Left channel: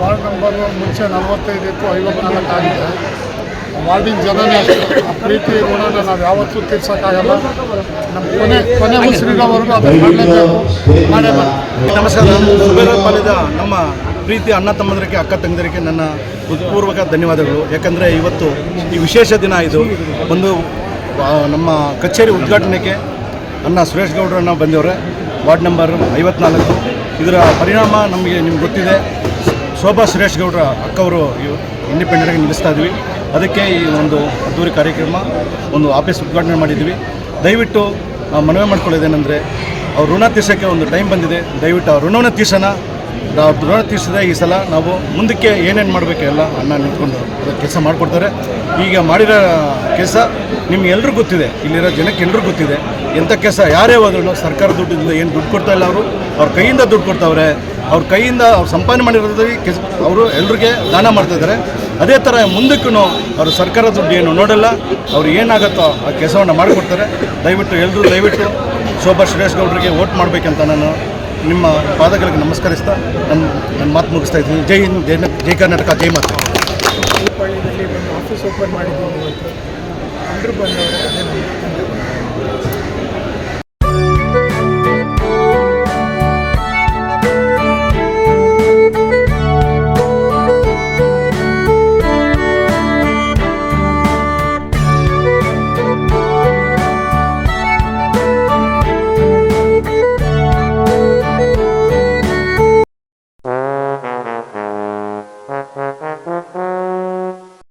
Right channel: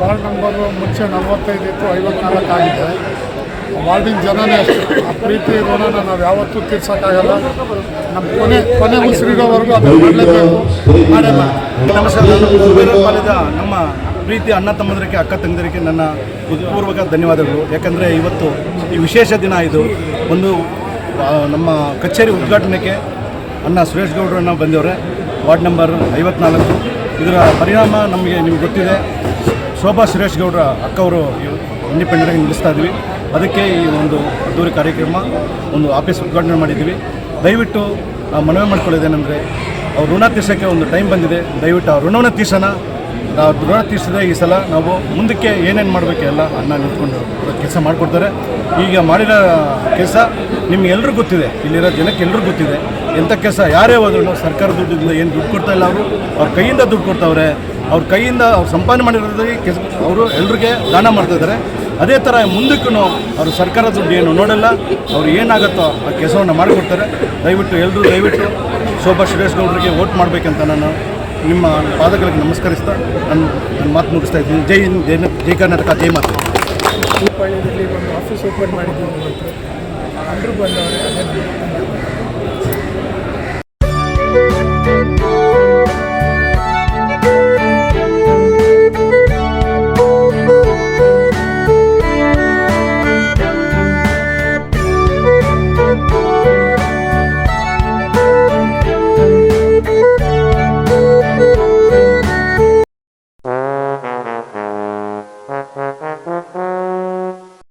Ward number ಮುಂಚೆ 45 ಇತ್ತು, 54 ಆಗಿದೆ. ವಾರ್ಡಿನ ಜನನೇ ಅಷ್ಟು ಆ ಪ್ರೀತಿ ಋಣನ ನಾವು ಯಾವತ್ತೂ ತೀರ್ಸೋಕ್ಕಾಗಲ್ಲ. ನಮ್ಮ ಕೊನೆ ಉಸಿರಿರೋವರೆಗೂ ಅದನ್ನು ಮಾಡಲೇಬೇಕು, ಮಾಡೇ ಮಾಡಿ. ನಮಸ್ಕಾರ. ಸುಬೇದಾರ್ ಪಾಳ್ಯದ ನಮ್ಮ ಪ್ರೀತಿ ಅಣ್ಣ ತಮ್ಮಂದರಿಗೆ, ಅಕ್ಕ ತಂಗಿದರಿಗೆ ನನ್ನ ಹೃತ್ಪೂರ್ವಕ ಧನ್ಯವಾದಗಳು. ಯಾಕಂದರೆ ಇವತ್ತು ಈ ವಿಶೇಷ ದಿನ. ಇದು ಒಂದು ನಮ್ಮ ಕಚೇರಿ ಉದ್ಘಾಟನೆಗೆ ಅಣ್ಣ ಸುರೇಶ್ ಗೌಡ್ರನ್ನ ಬಂದವರೆ, ವಾರ್ಡ್ ನಂಬರ್ 54. ಇದರ ಪರಿಣಾಮ ನಿಮ್ಗೆ ಗೊತ್ತಿದೆ. ಶೋಭಾ ಸುರೇಶ್ ಗೌಡ್ರ ಅಕ್ಕವರು ಇಂಡಿಪೆಂಡೆಂಟಾಗಿ ನಿಲ್ಲಿಸ್ತಾ ಇದ್ವಿ. ಅದಕ್ಕೆ ಈ ಒಂದು ಅದ್ದೂರಿ ಕಾರ್ಯಕ್ರಮ, ಒಂದು ಆಫೀಸ್ ಉದ್ಘಾಟನೆ ಮಾಡಿದ್ದೀವಿ. ದಯವಿಟ್ಟು ನಾವು ಮನವಿ ಮಾಡ್ಕೊಳ್ಳೋದೇನೆಂದರೆ, ಅವ್ರ ಋಣ ತೀರ್ಸೋಕ್ಕೆ ಒಂದು ಟೈಮ್ ಬಂದಿದೆ. ದಯವಿಟ್ಟು ಆ ಋಣವನ್ನು ತೀರ್ಸೋಣ. ನಾವು ಋಣ ತೀರಿಸಿದ್ರೆ ಈ ಸಲ ನಾವು ಮುಂದಕ್ಕೆ ಏನೇನು ಮಾಡಬೇಕು ಎಲ್ಲ ಅಣ್ಣ ನಿಂತ್ಕೊಂಡು ಕೆಲಸ ಮಾಡಿಕೊಡ್ತಾರೆ. ಈಗ ಮಾಡಿರೋ ಕೆಲಸ ನಿಮ್ಗೆಲ್ರಿಗೂ ಗೊತ್ತಿದೆ, ಇಲ್ಲಿರೋ ಜನಕ್ಕೆ ಎಲ್ರಿಗೂ ಗೊತ್ತಿದೆ. ಎಂಥ ಕೆಲಸ ಯಾರೇ ಹೋದ್ರೂ ಸರ್ಕಾರ ದುಡ್ಡಿಂದ ಏನು ದುಡ್ಡು ಕೊಡ್ತಾ ಇಲ್ಲ, ಅವ್ರ ಕೈಯಿಂದ ದುಡ್ಡು ಕೊಡ್ತಾವ್ರೆ. ಅವ್ರ ಕೈಯಿಂದ ಅವ್ರು ಸಂಪಾದನೆ ಮಾಡಿರೋದ್ರಲ್ಲಿ ಅವರು ಎಲ್ರಿಗೆ ದಾನ ಮಾಡ್ತಾಯಿದ್ದಾರೆ. ಅದೇ ಥರ ಮುಂದಕ್ಕೂ ಅವರು ಸರ್ಕಾರ ದುಡ್ಡು ಏನು ನೋಡಲ್ಲ, ಅವ್ರು ಏನಾಗುತ್ತೋ ಆ ಕೆಲಸವನ್ನು ಮಾಡಿಕೊಡ್ತಾರೆ. ದಯವಿಟ್ಟು ಶೋಭಾ ಸುರೇಶ್ ಗೌಡರಿಗೆ ವೋಟ್ ಮಾಡಬೇಕಂತ ನಾನು ನಿಮ್ಮ ಪಾದಗಳಿಗೆ ನಮಸ್ಕರಿಸ್ತಾ ನನ್ನ ಮಾತು ಮುಗಿಸ್ತಾ ಇದ್ದೀನಿ. ಜೈ ಹಿಂದ್, ಜೈ ಕರ್ನಾಟಕ, ಜೈ ಮಾತು. ಈ ಪಾಳ್ಯದಲ್ಲಿ ಒಂದು ಆಫೀಸ್ ಓಪನ್ ಮಾಡಿದ್ದೀನಿ ಇವತ್ತು. ಎಲ್ಲರೂ ಬಂದವರೇ, ಅದೇ ನಮ್ಮ